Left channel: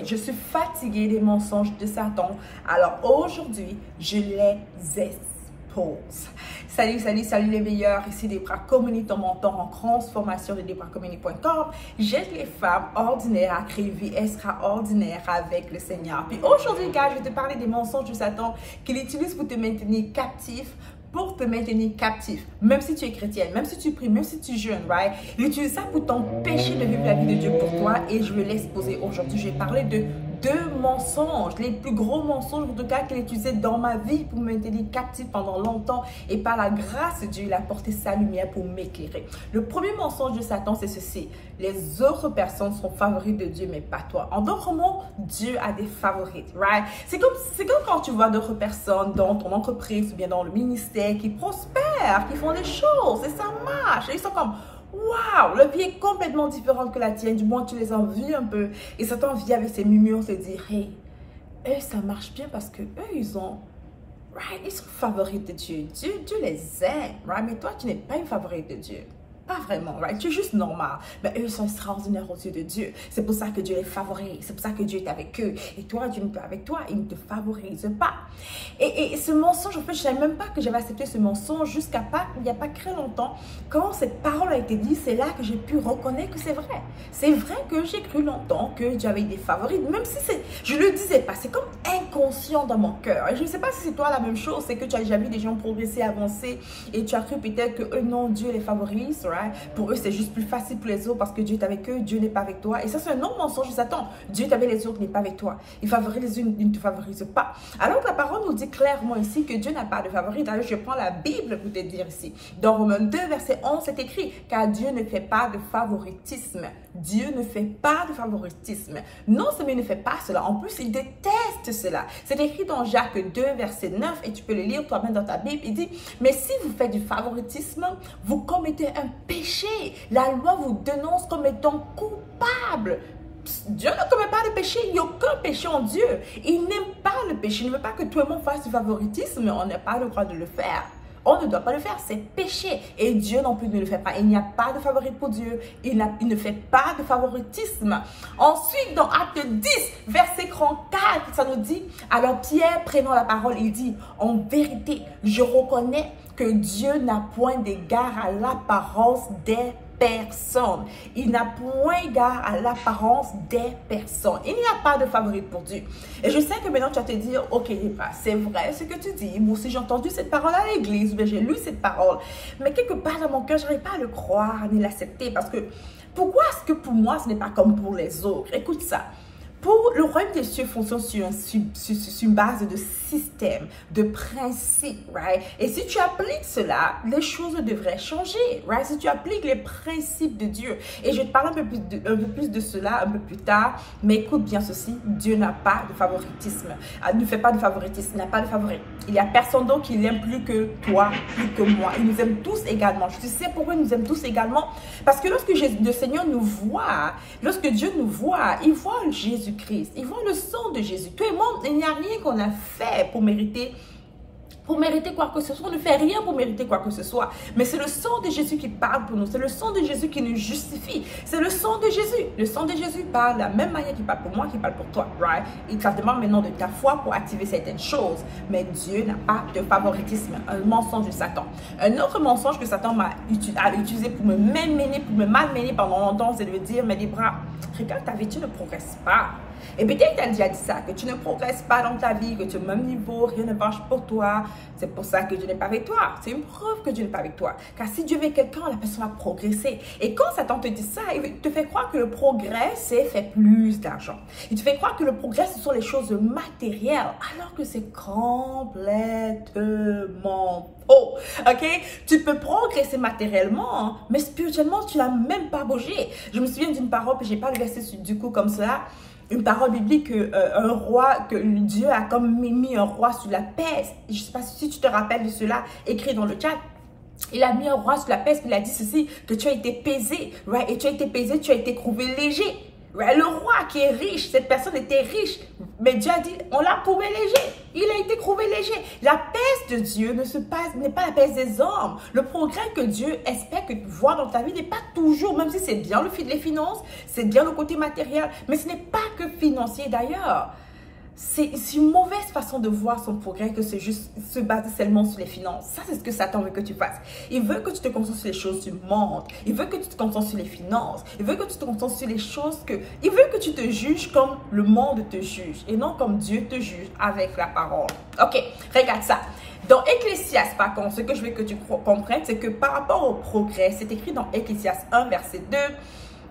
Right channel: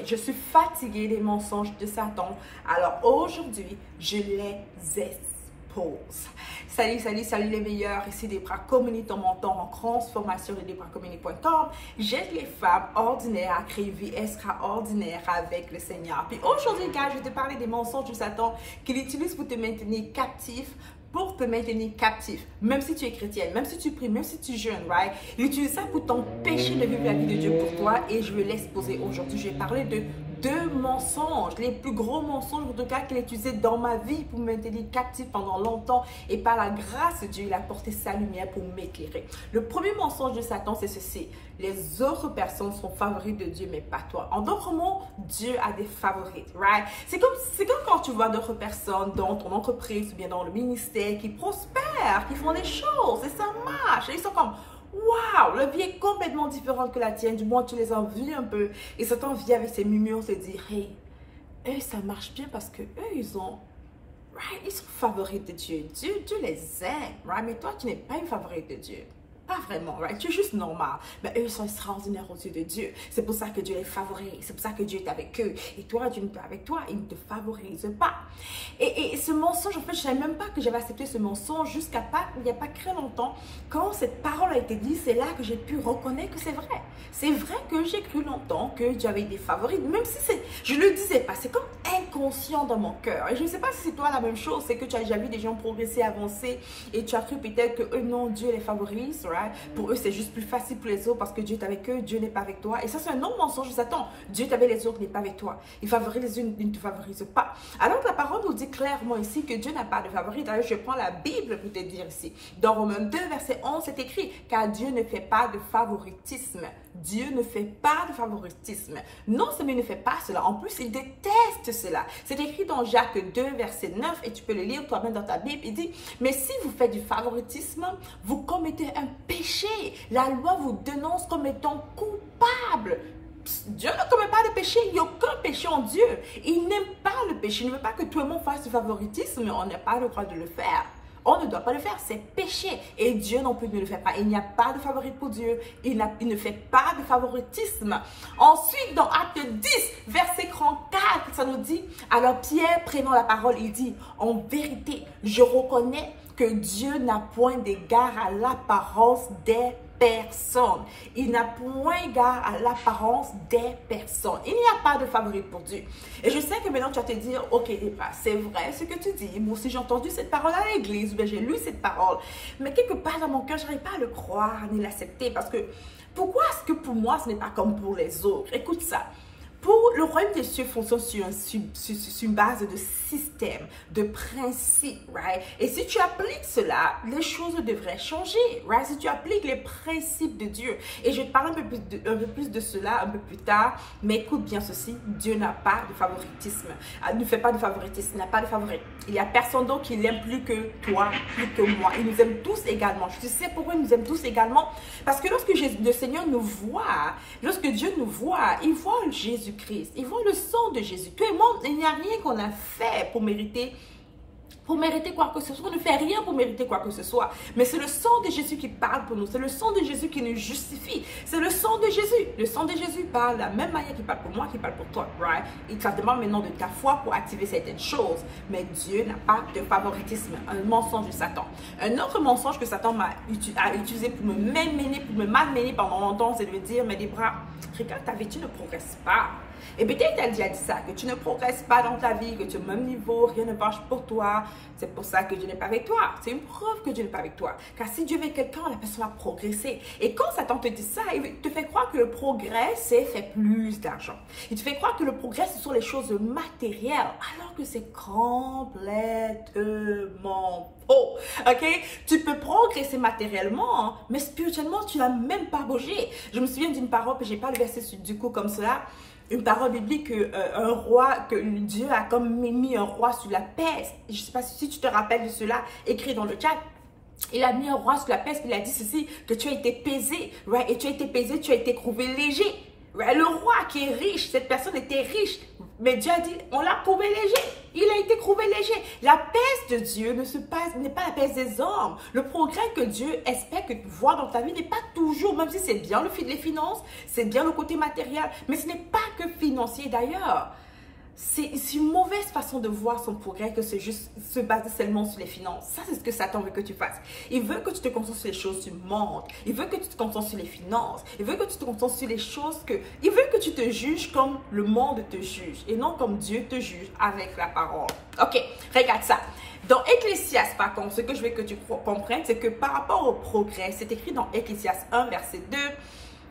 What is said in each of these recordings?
Je suis fatiguée des mensonges de Satan. Alors aujourd'hui, je les expose. Salut les meilleurs. Ici Debra Community, ton mentor en transformation de DebraCommunity.com. J'aide les femmes ordinaires à créer une vie extraordinaire avec le Seigneur. Puis aujourd'hui, gars, je vais te parler des mensonges de Satan qu'il utilise pour te maintenir captif. Même si tu es chrétienne, même si tu pries, même si tu jeûnes, right? Il utilise ça pour t'empêcher de vivre la vie de Dieu pour toi et je vais l'exposer aujourd'hui. Je vais parler de deux mensonges, les plus gros mensonges en tout cas qu'il a utilisé dans ma vie pour me maintenir captif pendant longtemps et par la grâce de Dieu, il a porté sa lumière pour m'éclairer. Le premier mensonge de Satan, c'est ceci: les autres personnes sont favorites de Dieu, mais pas toi. En d'autres mots, Dieu a des favorites, right? C'est comme quand tu vois d'autres personnes dans ton entreprise ou bien dans le ministère qui prospèrent, qui font des choses et ça marche. Et ils sont comme, waouh, le vie est complètement différente que la tienne. Du moins, tu les envies un peu. Et Satan vient avec ses murmures se dire, hey, eux, ça marche bien parce que eux, ils sont favoris de Dieu. Dieu les aime, right? Mais toi, tu n'es pas une favorite de Dieu. Pas vraiment, right? Tu es juste normal. Mais eux, ils sont extraordinaires aux yeux de Dieu. C'est pour ça que Dieu les favorise. C'est pour ça que Dieu est avec eux. Et toi, Dieu n'est pas avec toi. Il ne te favorise pas. Et ce mensonge, en fait, je ne savais même pas que j'avais accepté ce mensonge jusqu'à il n'y a pas très longtemps. Quand cette parole a été dite, c'est là que j'ai pu reconnaître que c'est vrai. C'est vrai que j'ai cru longtemps que Dieu avait des favorites. Même si je ne le disais pas. C'est comme inconscient dans mon cœur. Et je ne sais pas si c'est toi la même chose. C'est que tu as déjà vu des gens progresser, avancer. Et tu as cru peut-être que eux, non, Dieu les favorise. Right? Pour eux, c'est juste plus facile pour les autres parce que Dieu est avec eux, Dieu n'est pas avec toi. Et ça, c'est un autre mensonge de Satan. Dieu est avec les autres, n'est pas avec toi. Il favorise les unes, il ne te favorise pas. Alors que la parole nous dit clairement ici que Dieu n'a pas de favori. D'ailleurs, je prends la Bible pour te dire ici. Dans Romains 2, verset 11, c'est écrit, car Dieu ne fait pas de favoritisme. Dieu ne fait pas de favoritisme. Non seulement il ne fait pas cela, en plus, il déteste cela. C'est écrit dans Jacques 2, verset 9, et tu peux le lire toi-même dans ta Bible. Il dit, mais si vous faites du favoritisme, vous commettez un péché. La loi vous dénonce comme étant coupable. Dieu ne commet pas de péché. Il n'y a aucun péché en Dieu. Il n'aime pas le péché. Il ne veut pas que tout le monde fasse du favoritisme, mais on n'a pas le droit de le faire. On ne doit pas le faire, c'est péché. Et Dieu non plus ne le fait pas. Il n'y a pas de favori pour Dieu. Il ne fait pas de favoritisme. Ensuite, dans Acte 10, verset 34, ça nous dit, alors Pierre prenant la parole, il dit, en vérité, je reconnais que Dieu n'a point d'égard à l'apparence des personnes. Il n'a point égard à l'apparence des personnes. Il n'y a pas de favori pour Dieu. Et je sais que maintenant tu vas te dire, ok, c'est vrai ce que tu dis. Moi aussi j'ai entendu cette parole à l'église, j'ai lu cette parole. Mais quelque part dans mon cœur, je n'arrive pas à le croire ni l'accepter. Parce que pourquoi est-ce que pour moi ce n'est pas comme pour les autres? Écoute ça. Pour le royaume des cieux fonctionne sur une base de système, de principes, right? Et si tu appliques cela, les choses devraient changer, right? Si tu appliques les principes de Dieu. Et je vais te parler un peu plus de cela un peu plus tard, mais écoute bien ceci, Dieu n'a pas de favoritisme. Il ne fait pas de favoritisme, il n'a pas de favori. Il n'y a personne d'autre qui l'aime plus que toi, plus que moi. Il nous aime tous également. Tu sais pourquoi il nous aime tous également? Parce que lorsque le Seigneur nous voit, lorsque Dieu nous voit, il voit Jésus-Christ, il voit le sang de Jésus. Toi et moi, il n'y a rien qu'on a fait pour mériter quoi que ce soit. On ne fait rien pour mériter quoi que ce soit. Mais c'est le sang de Jésus qui parle pour nous. C'est le sang de Jésus qui nous justifie. C'est le sang de Jésus. Le sang de Jésus parle de la même manière qu'il parle pour moi, qu'il parle pour toi. Right? Il te demande maintenant de ta foi pour activer certaines choses. Mais Dieu n'a pas de favoritisme. Un mensonge de Satan. Un autre mensonge que Satan a utilisé pour me malmener pendant longtemps, c'est de me dire, mais Debra, regarde ta vie, tu ne progresses pas. Et peut-être qu'elle a déjà dit ça, que tu ne progresses pas dans ta vie, que tu es au même niveau, rien ne marche pour toi. C'est pour ça que Dieu n'est pas avec toi. C'est une preuve que Dieu n'est pas avec toi. Car si Dieu veut quelqu'un, la personne va progresser. Et quand Satan te dit ça, il te fait croire que le progrès, c'est faire plus d'argent. Il te fait croire que le progrès, ce sont les choses matérielles, alors que c'est complètement faux. Ok? Tu peux progresser matériellement, hein, mais spirituellement, tu n'as même pas bougé. Je me souviens d'une parole, que je n'ai pas le verset du coup comme cela. Une parole biblique que Dieu a comme mis un roi sur la peste. Je ne sais pas si tu te rappelles de cela, écrit dans le chat. Il a mis un roi sur la peste, il a dit ceci, que tu as été pesé, right? Et tu as été pesé, tu as été trouvé léger. Right? Le roi qui est riche, cette personne était riche, Mais Dieu a dit, on l'a prouvé léger. Il a été prouvé léger. La paix de Dieu n'est pas la paix des hommes. Le progrès que Dieu espère que tu vois dans ta vie n'est pas toujours, même si c'est bien les finances, c'est bien le côté matériel, mais ce n'est pas que financier d'ailleurs. C'est une mauvaise façon de voir son progrès que c'est juste se baser seulement sur les finances. Ça, c'est ce que Satan veut que tu fasses. Il veut que tu te concentres sur les choses du monde. Il veut que tu te concentres sur les finances. Il veut que tu te concentres sur les choses que... Il veut que tu te juges comme le monde te juge et non comme Dieu te juge avec la parole. Ok, regarde ça. Dans Ecclésiaste, par contre, ce que je veux que tu comprennes, c'est que par rapport au progrès, c'est écrit dans Ecclésiaste 1, verset 2.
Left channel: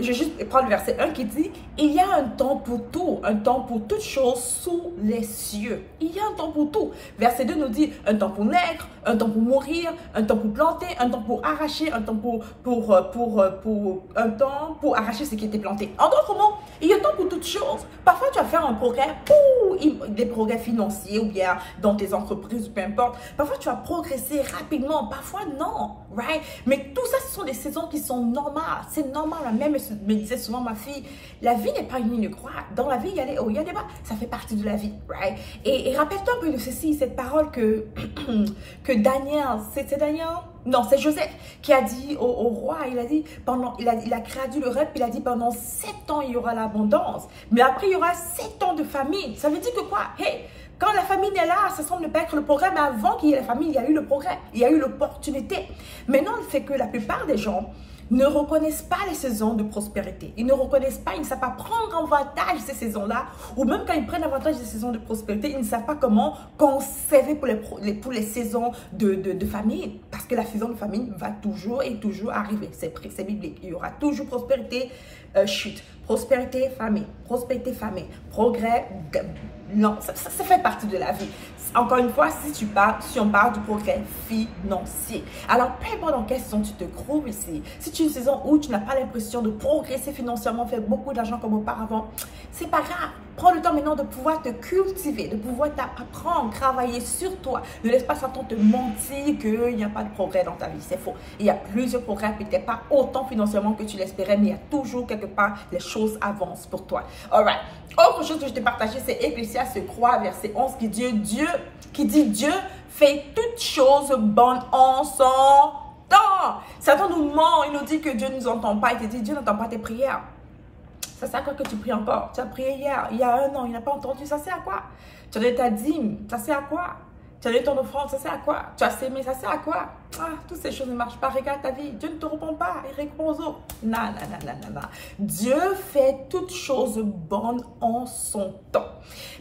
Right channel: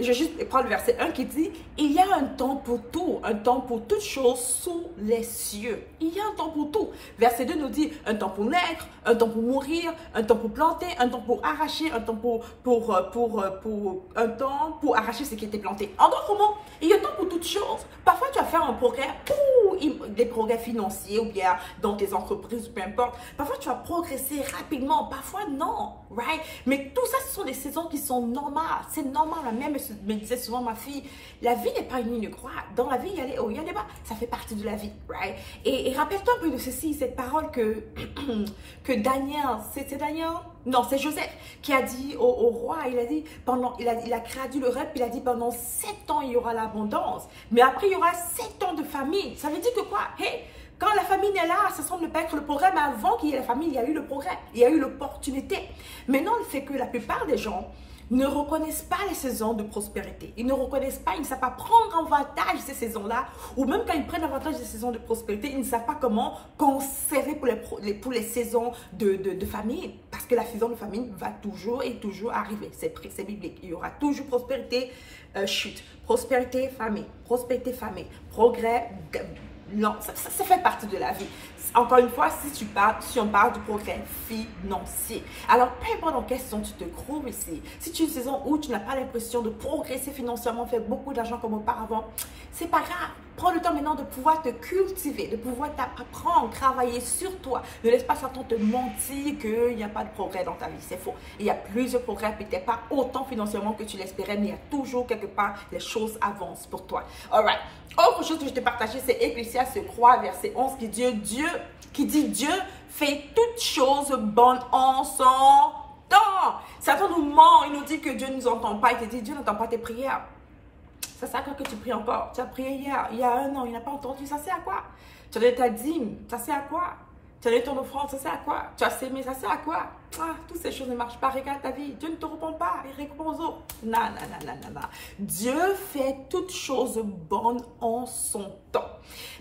Je vais juste prendre le verset 1 qui dit « Il y a un temps pour tout, un temps pour toutes choses sous les cieux. » Il y a un temps pour tout. Verset 2 nous dit « Un temps pour naître, un temps pour mourir, un temps pour planter, un temps pour arracher, un temps pour arracher ce qui était planté. » En d'autres mots, il y a un temps pour toutes choses. Parfois, tu vas faire un progrès, des progrès financiers ou bien dans tes entreprises ou peu importe. Parfois, tu vas progresser rapidement. Parfois, non. Right? Mais tout ça, ce sont des saisons qui sont normales. C'est normal. Même me disait souvent ma fille, la vie n'est pas une ligne droite. Dans la vie, il y a des hauts, il y a des bas. Ça fait partie de la vie. Right? Et rappelle-toi un peu de ceci, cette parole que Daniel, c'est Daniel? Non, c'est Joseph qui a dit au roi, il a dit, il a traduit le rêve, il a dit pendant 7 ans, il y aura l'abondance. Mais après, il y aura 7 ans de famine. Ça veut dire que quoi? Hey, quand la famine est là, ça semble ne pas être le progrès, mais avant qu'il y ait la famine, il y a eu le progrès, il y a eu l'opportunité. Maintenant, le fait que la plupart des gens ne reconnaissent pas les saisons de prospérité. Ils ne reconnaissent pas, ils ne savent pas prendre avantage de ces saisons-là. Ou même quand ils prennent avantage des saisons de prospérité, ils ne savent pas comment conserver pour les saisons de famine. Parce que la saison de famine va toujours et toujours arriver. C'est biblique. Il y aura toujours prospérité, chute. Prospérité, famine. Prospérité, famine. Progrès, non, ça fait partie de la vie. Encore une fois, si on parle du progrès financier. Alors, peu importe dans quelle saison tu te trouves ici, si tu es une saison où tu n'as pas l'impression de progresser financièrement, faire beaucoup d'argent comme auparavant, c'est pas grave. Prends le temps maintenant de pouvoir te cultiver, de pouvoir apprendre, travailler sur toi. Ne laisse pas Satan te mentir qu'il n'y a pas de progrès dans ta vie. C'est faux. Il y a plusieurs progrès, peut-être pas autant financièrement que tu l'espérais, mais il y a toujours quelque part, les choses avancent pour toi. Alright. Autre chose que je t'ai partagé, c'est Ecclésiaste 3, verset 11, qui dit Dieu fait toutes choses bonnes en son temps. Satan nous ment, il nous dit que Dieu ne nous entend pas. Il te dit Dieu n'entend pas tes prières. Ça sert à quoi que tu pries encore? Tu as prié hier, il y a 1 an, il n'a pas entendu. Ça sert à quoi? Tu as donné ta dîme, ça sert à quoi? Tu as donné ton offrande, ça sert à quoi? Tu as sémé, ça sert à quoi? Ah, toutes ces choses ne marchent pas. Regarde ta vie. Dieu ne te répond pas. Il répond aux autres. Non. Dieu fait toutes choses bonnes en son temps.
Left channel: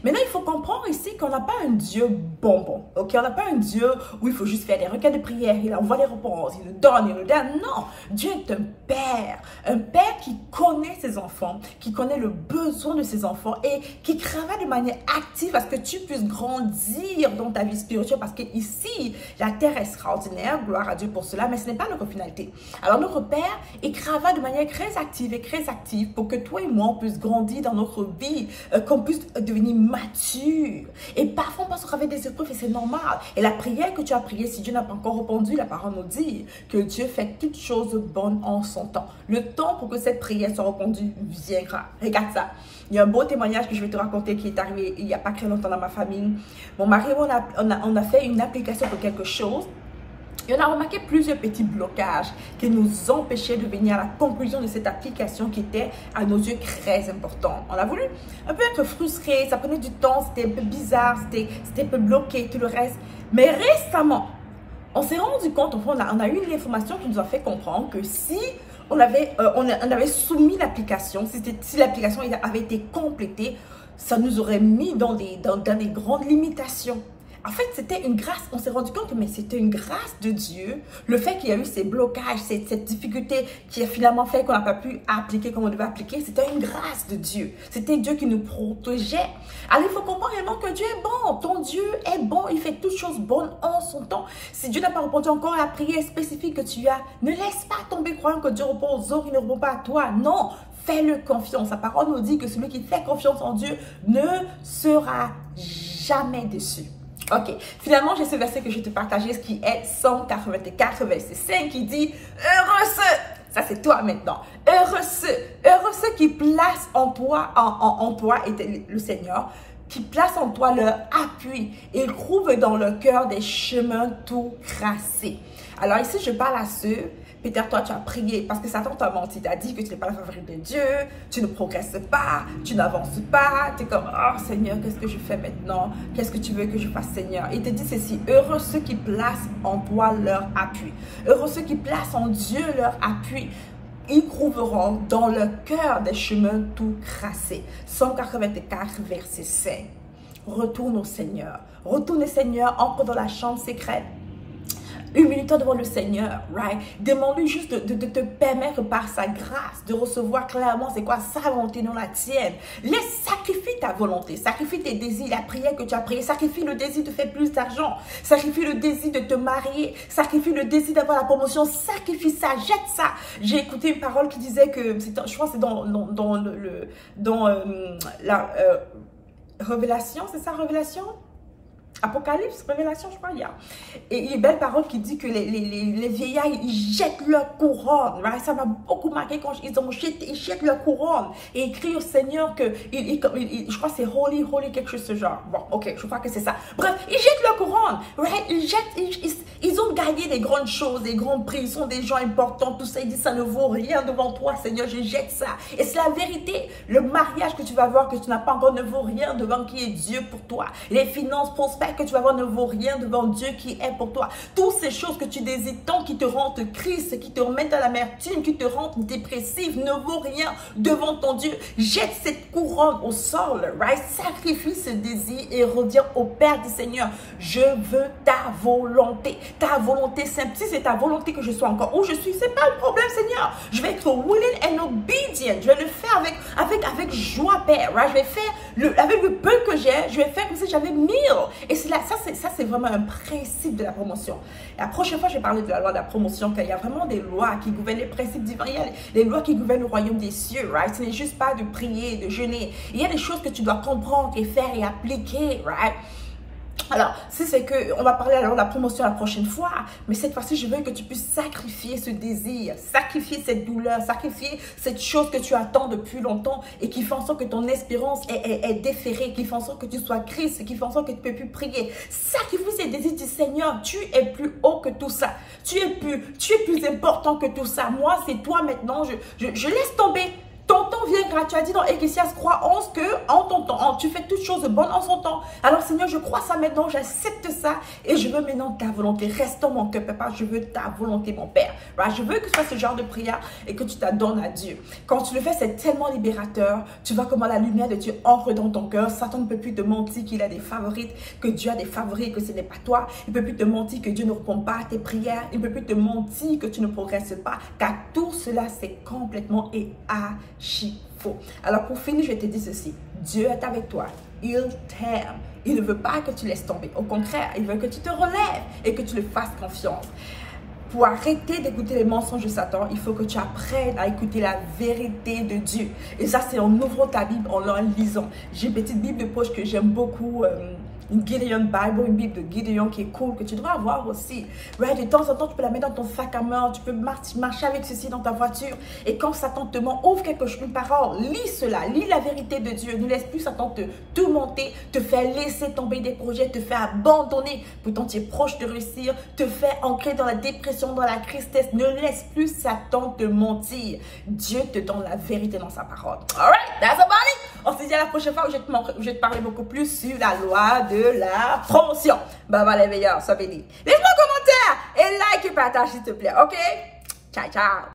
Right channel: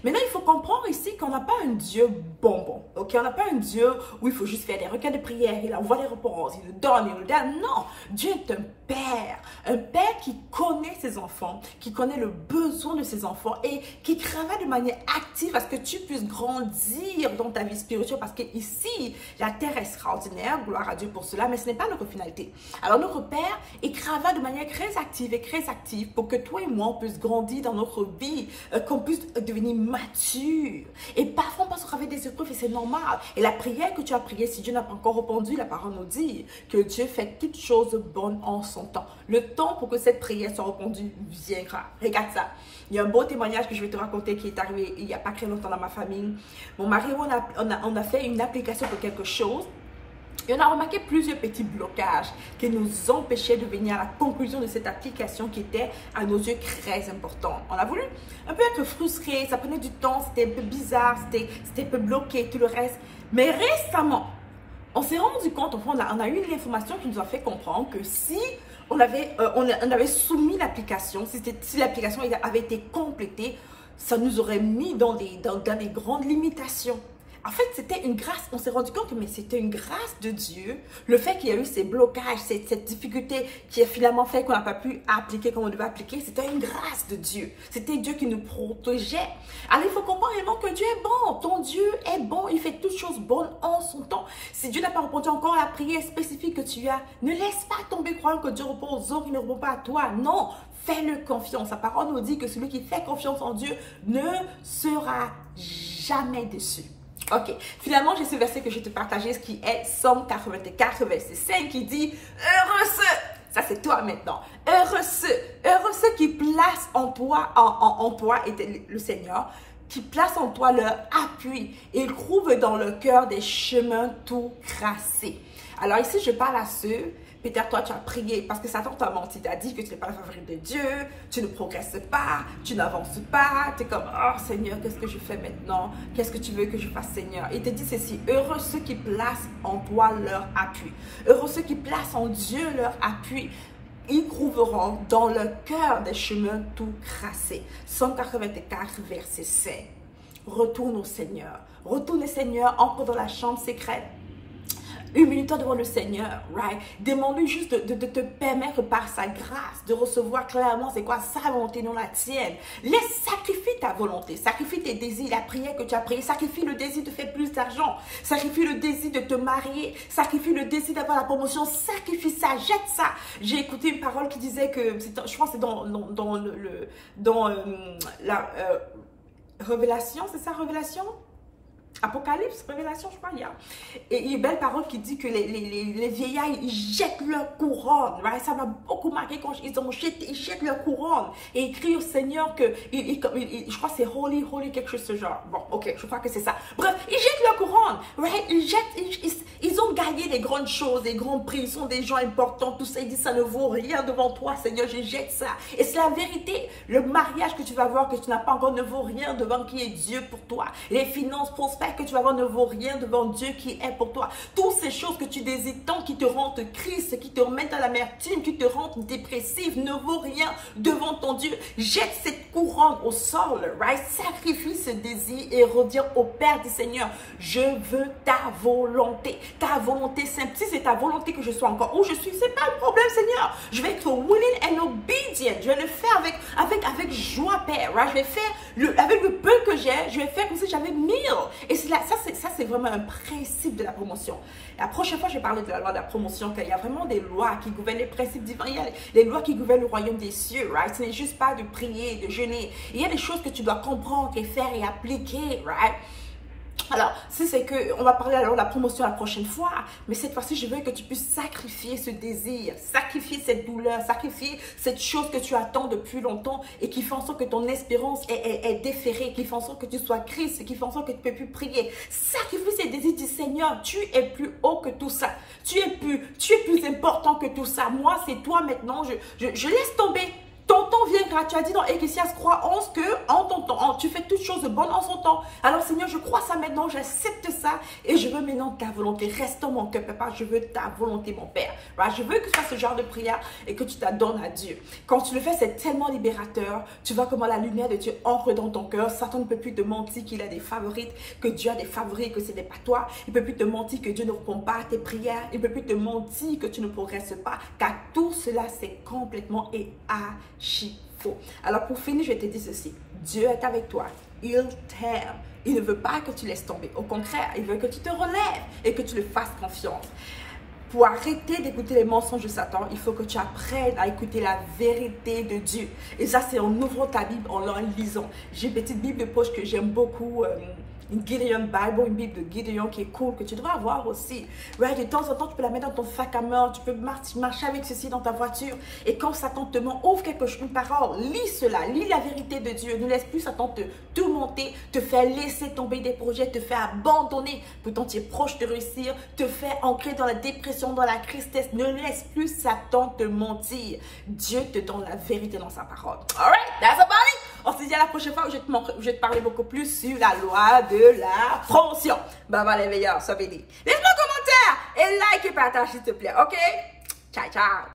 Maintenant, il faut comprendre ici qu'on n'a pas un Dieu bonbon. Ok? On n'a pas un Dieu où il faut juste faire des requêtes de prière. Il envoie les réponses. Il nous donne, il nous donne. Non. Dieu est un père. Un père qui connaît ses enfants, qui connaît le besoin de ses enfants et qui travaille de manière active à ce que tu puisses grandir dans ta vie spirituelle. Parce que ici, la terre est extraordinaire. Gloire à Dieu pour cela, mais ce n'est pas notre finalité. Alors notre Père, il travaille de manière très active pour que toi et moi, on puisse grandir dans notre vie, qu'on puisse devenir mature. Et parfois, on passe au travers des épreuves et c'est normal. Et la prière que tu as priée, si Dieu n'a pas encore répondu, la parole nous dit que Dieu fait toutes choses bonnes en son temps. Le temps pour que cette prière soit répondue viendra. Regarde ça. Il y a un beau témoignage que je vais te raconter qui est arrivé il n'y a pas très longtemps dans ma famille. Mon mari, on a fait une application pour quelque chose. Et on a remarqué plusieurs petits blocages qui nous empêchaient de venir à la conclusion de cette application qui était à nos yeux très importante. On a voulu un peu être frustré, ça prenait du temps, c'était un peu bizarre, c'était un peu bloqué, tout le reste. Mais récemment, on s'est rendu compte, on a eu une information qui nous a fait comprendre que si on avait soumis l'application, si l'application avait été complétée, ça nous aurait mis dans des grandes limitations. En fait, c'était une grâce. On s'est rendu compte que c'était une grâce de Dieu. Le fait qu'il y a eu ces blocages, cette difficulté qui a finalement fait qu'on n'a pas pu appliquer comme on devait appliquer, c'était une grâce de Dieu. C'était Dieu qui nous protégeait. Alors, il faut comprendre réellement que Dieu est bon. Ton Dieu est bon. Il fait toutes choses bonnes en son temps. Si Dieu n'a pas répondu encore à la prière spécifique que tu as, ne laisse pas tomber croyant que Dieu répond aux autres, il ne répond pas à toi. Non, fais-le confiance. Sa parole nous dit que celui qui fait confiance en Dieu ne sera jamais déçu. Ok, finalement, j'ai ce verset que je vais te partager, ce qui est Somme 84, verset 5, qui dit « Heureux ceux » ça c'est toi maintenant. « Heureux ceux qui placent en toi, et le Seigneur, qui placent en toi leur appui. Ils trouvent dans leur cœur des chemins tout tracés. Alors ici, je parle à ceux, peut-être toi, tu as prié parce que Satan t'a menti. Tu as dit que tu n'es pas la favorite de Dieu, tu ne progresses pas, tu n'avances pas. Tu es comme, oh Seigneur, qu'est-ce que je fais maintenant? Qu'est-ce que tu veux que je fasse, Seigneur? Il te dit ceci, heureux ceux qui placent en toi leur appui. Heureux ceux qui placent en Dieu leur appui. Ils trouveront dans leur cœur des chemins tout tracés. Somme 84, verset 5. Retourne au Seigneur. Retourne au Seigneur, entre dans la chambre secrète. Humilie-toi devant le Seigneur, right? Demande-lui juste de te permettre par sa grâce de recevoir clairement c'est quoi sa volonté, non la tienne. Sacrifie ta volonté, sacrifie tes désirs, la prière que tu as priée, sacrifie le désir de faire plus d'argent, sacrifie le désir de te marier, sacrifie le désir d'avoir la promotion, sacrifie ça, jette ça. J'ai écouté une parole qui disait que, je crois que c'est dans la Révélation, c'est ça, Révélation? Apocalypse, Révélation, je crois, il y a. Et il y a une belle parole qui dit que les vieillards, ils jettent leur couronne. Right? Ça m'a beaucoup marqué quand ils jettent leur couronne. Et ils crient au Seigneur que, je crois que c'est holy, quelque chose de ce genre. Bon, ok, je crois que c'est ça. Bref, ils jettent leur couronne. Right? Ils ont gagné des grandes choses, des grands prix. Ils sont des gens importants, tout ça. Ils disent, ça ne vaut rien devant toi, Seigneur, je jette ça. Et c'est la vérité. Le mariage que tu vas avoir, que tu n'as pas encore, ne vaut rien devant qui est Dieu pour toi. Les finances prospères que tu vas avoir ne vaut rien devant Dieu qui est pour toi. Toutes ces choses que tu désires tant, qui te rendent triste, qui te remettent à l'amertume, qui te rendent dépressive, ne vaut rien devant ton Dieu. Jette cette couronne au sol, right? Sacrifie ce désir et reviens au Père du Seigneur. Je veux ta volonté simple. Si c'est ta volonté que je sois encore où je suis, c'est pas un problème, Seigneur. Je vais être willing and obedient. Je vais le faire avec joie, Père, right? Je vais faire avec le peu que j'ai, je vais faire comme si j'avais 1000. Et ça, c'est vraiment un principe de la promotion. La prochaine fois, je vais parler de la loi de la promotion, qu'il y a vraiment des lois qui gouvernent les principes divins. Il y a les lois qui gouvernent le royaume des cieux, right? Ce n'est juste pas de prier, de jeûner. Il y a des choses que tu dois comprendre et faire et appliquer, right? Alors, c'est que on va parler alors de la promotion la prochaine fois, mais cette fois-ci, je veux que tu puisses sacrifier ce désir, sacrifier cette douleur, sacrifier cette chose que tu attends depuis longtemps et qui fait en sorte que ton espérance est déférée, qui fait en sorte que tu sois triste, qui fait en sorte que tu ne peux plus prier. Sacrifie ces désirs du Seigneur. Tu es plus haut que tout ça. Tu es plus important que tout ça. Moi, c'est toi maintenant. Je laisse tomber. Ton temps viendra. Tu as dit dans Ecclésiaste 3:11 que en ton temps, tu fais toutes choses bonnes en son temps. Alors Seigneur, je crois ça maintenant, j'accepte ça et je veux maintenant ta volonté. Reste en mon cœur, papa, je veux ta volonté, mon Père. Right? Je veux que tu fasses ce genre de prière et que tu t'adonnes à Dieu. Quand tu le fais, c'est tellement libérateur. Tu vois comment la lumière de Dieu entre dans ton cœur. Satan ne peut plus te mentir qu'il a des favorites, que Dieu a des favoris, que ce n'est pas toi. Il ne peut plus te mentir que Dieu ne répond pas à tes prières. Il ne peut plus te mentir que tu ne progresses pas. Car tout cela, c'est complètement et faux. Alors pour finir, je vais te dire ceci. Dieu est avec toi. Il t'aime. Il ne veut pas que tu laisses tomber. Au contraire, il veut que tu te relèves et que tu le fasses confiance. Pour arrêter d'écouter les mensonges de Satan, il faut que tu apprennes à écouter la vérité de Dieu. Et ça, c'est en ouvrant ta Bible, en la lisant. J'ai une petite Bible de poche que j'aime beaucoup. Une Gideon Bible, une Bible de Gideon qui est cool, que tu devrais avoir aussi. Ouais, de temps en temps, tu peux la mettre dans ton sac à main, tu peux marcher avec ceci dans ta voiture. Et quand Satan te ment, ouvre une parole, lis cela, lis la vérité de Dieu. Ne laisse plus Satan te monter, te faire laisser tomber des projets, te faire abandonner. Pourtant, tu es proche de réussir, te faire ancrer dans la dépression, dans la tristesse. Ne laisse plus Satan te mentir. Dieu te donne la vérité dans sa parole. Alright, that's about it. On se dit à la prochaine fois où je vais te parler beaucoup plus sur la loi de la promotion. Bye bye les meilleurs, sois bénis. Laisse-moi un commentaire et like et partage s'il te plaît, ok? Ciao, ciao.